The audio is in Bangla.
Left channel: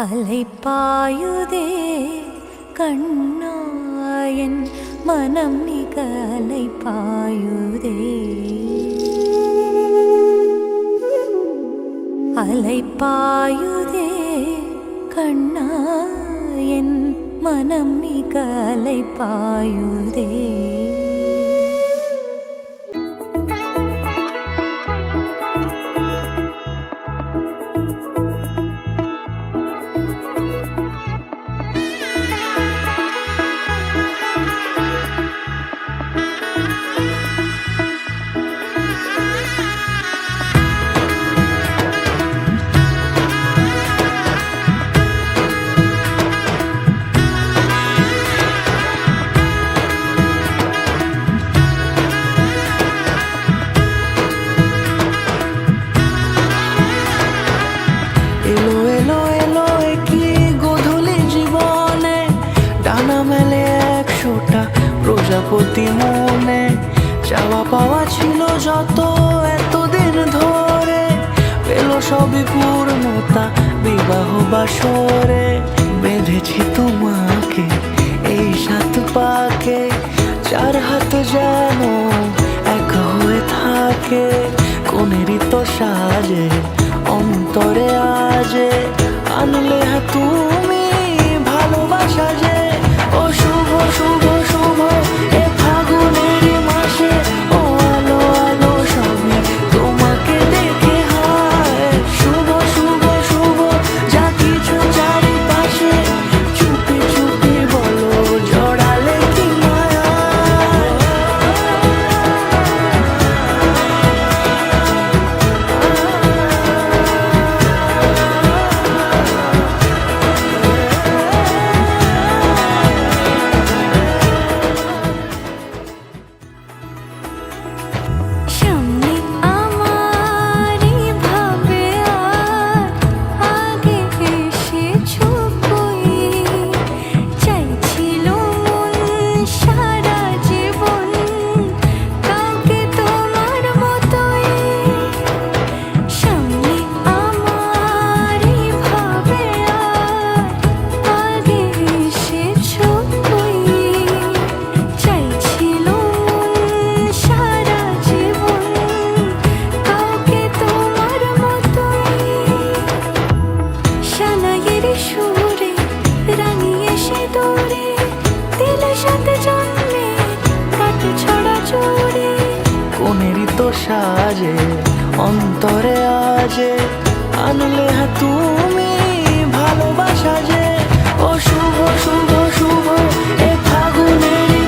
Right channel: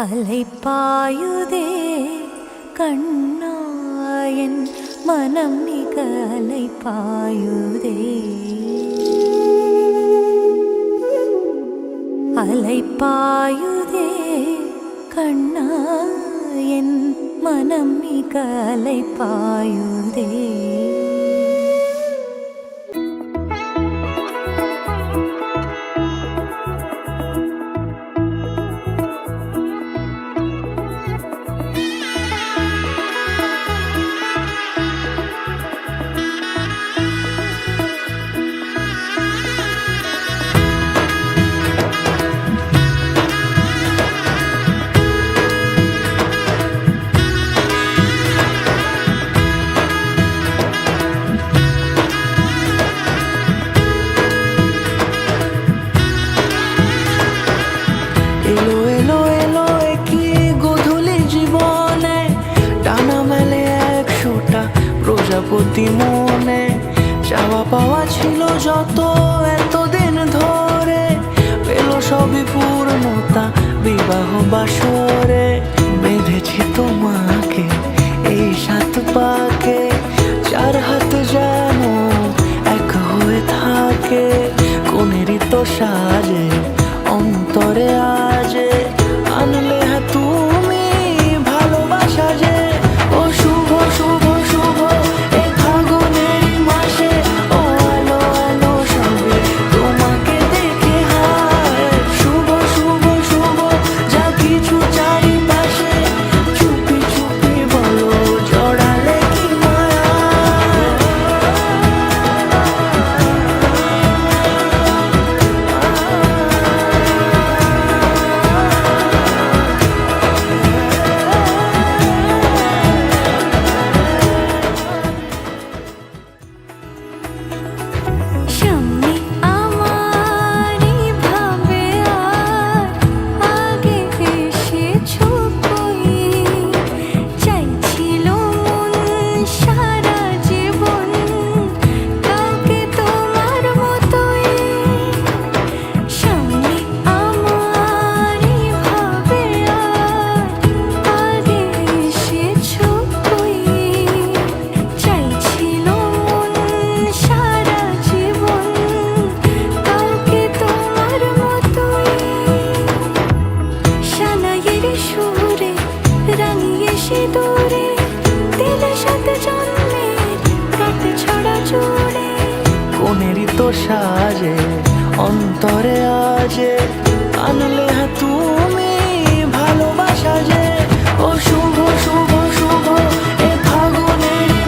அலைப்பாயுதே கண்ணாயன் மனம் மிக அலைப்பாயுதே அலைப்பாயுதே கண்ணாயன் மனம் மிக அலைப்பாயுதே এলো এলো এলো কি গধূলি জীবনে ডানা মেলে 100টা প্রজাপতি মনে চাওয়া পাওয়া ছিল যত এতদিন ধরে পেলো সবই পূর্ণতা বিবাহ বাসরে বেঁধেছি তোমাকে এই 7 পাকে 4 হাত যেন এক হয়ে থাকে কোনেরই তো সাজে অন্তরে আজে আনলে তুমি ভালোবাসা যে ও শুভ শুভ শুভ এ ফাগুনেরই মাসে ও আলো আলো সবই তোমাকে দেখে হায় শুভ শুভ শুভ যা কিছু চারিপাশে চুপি চুপি বলো জড়ালে কি মায়া সামনে আমারই ভাবে আর আগে এসেছো কই চাইছিল মন সারা জীবন কাউকে তোমার মতোই সামনে আমারই ভাবে আর আগে এসেছো কই চাইছিল মন সারা জীবন কাউকে তোমার মতোই সানাইয়ের সুরে রাঙিয়ে সে দূরে দিলে 7 জন্মের কাট ছড়া জুড়ে কোনেরই তো সাজে অন্তরে আজে আনলে তুমি ভালোবাসা যে ও শুভ শুভ শুভ এ ফাগুনেরই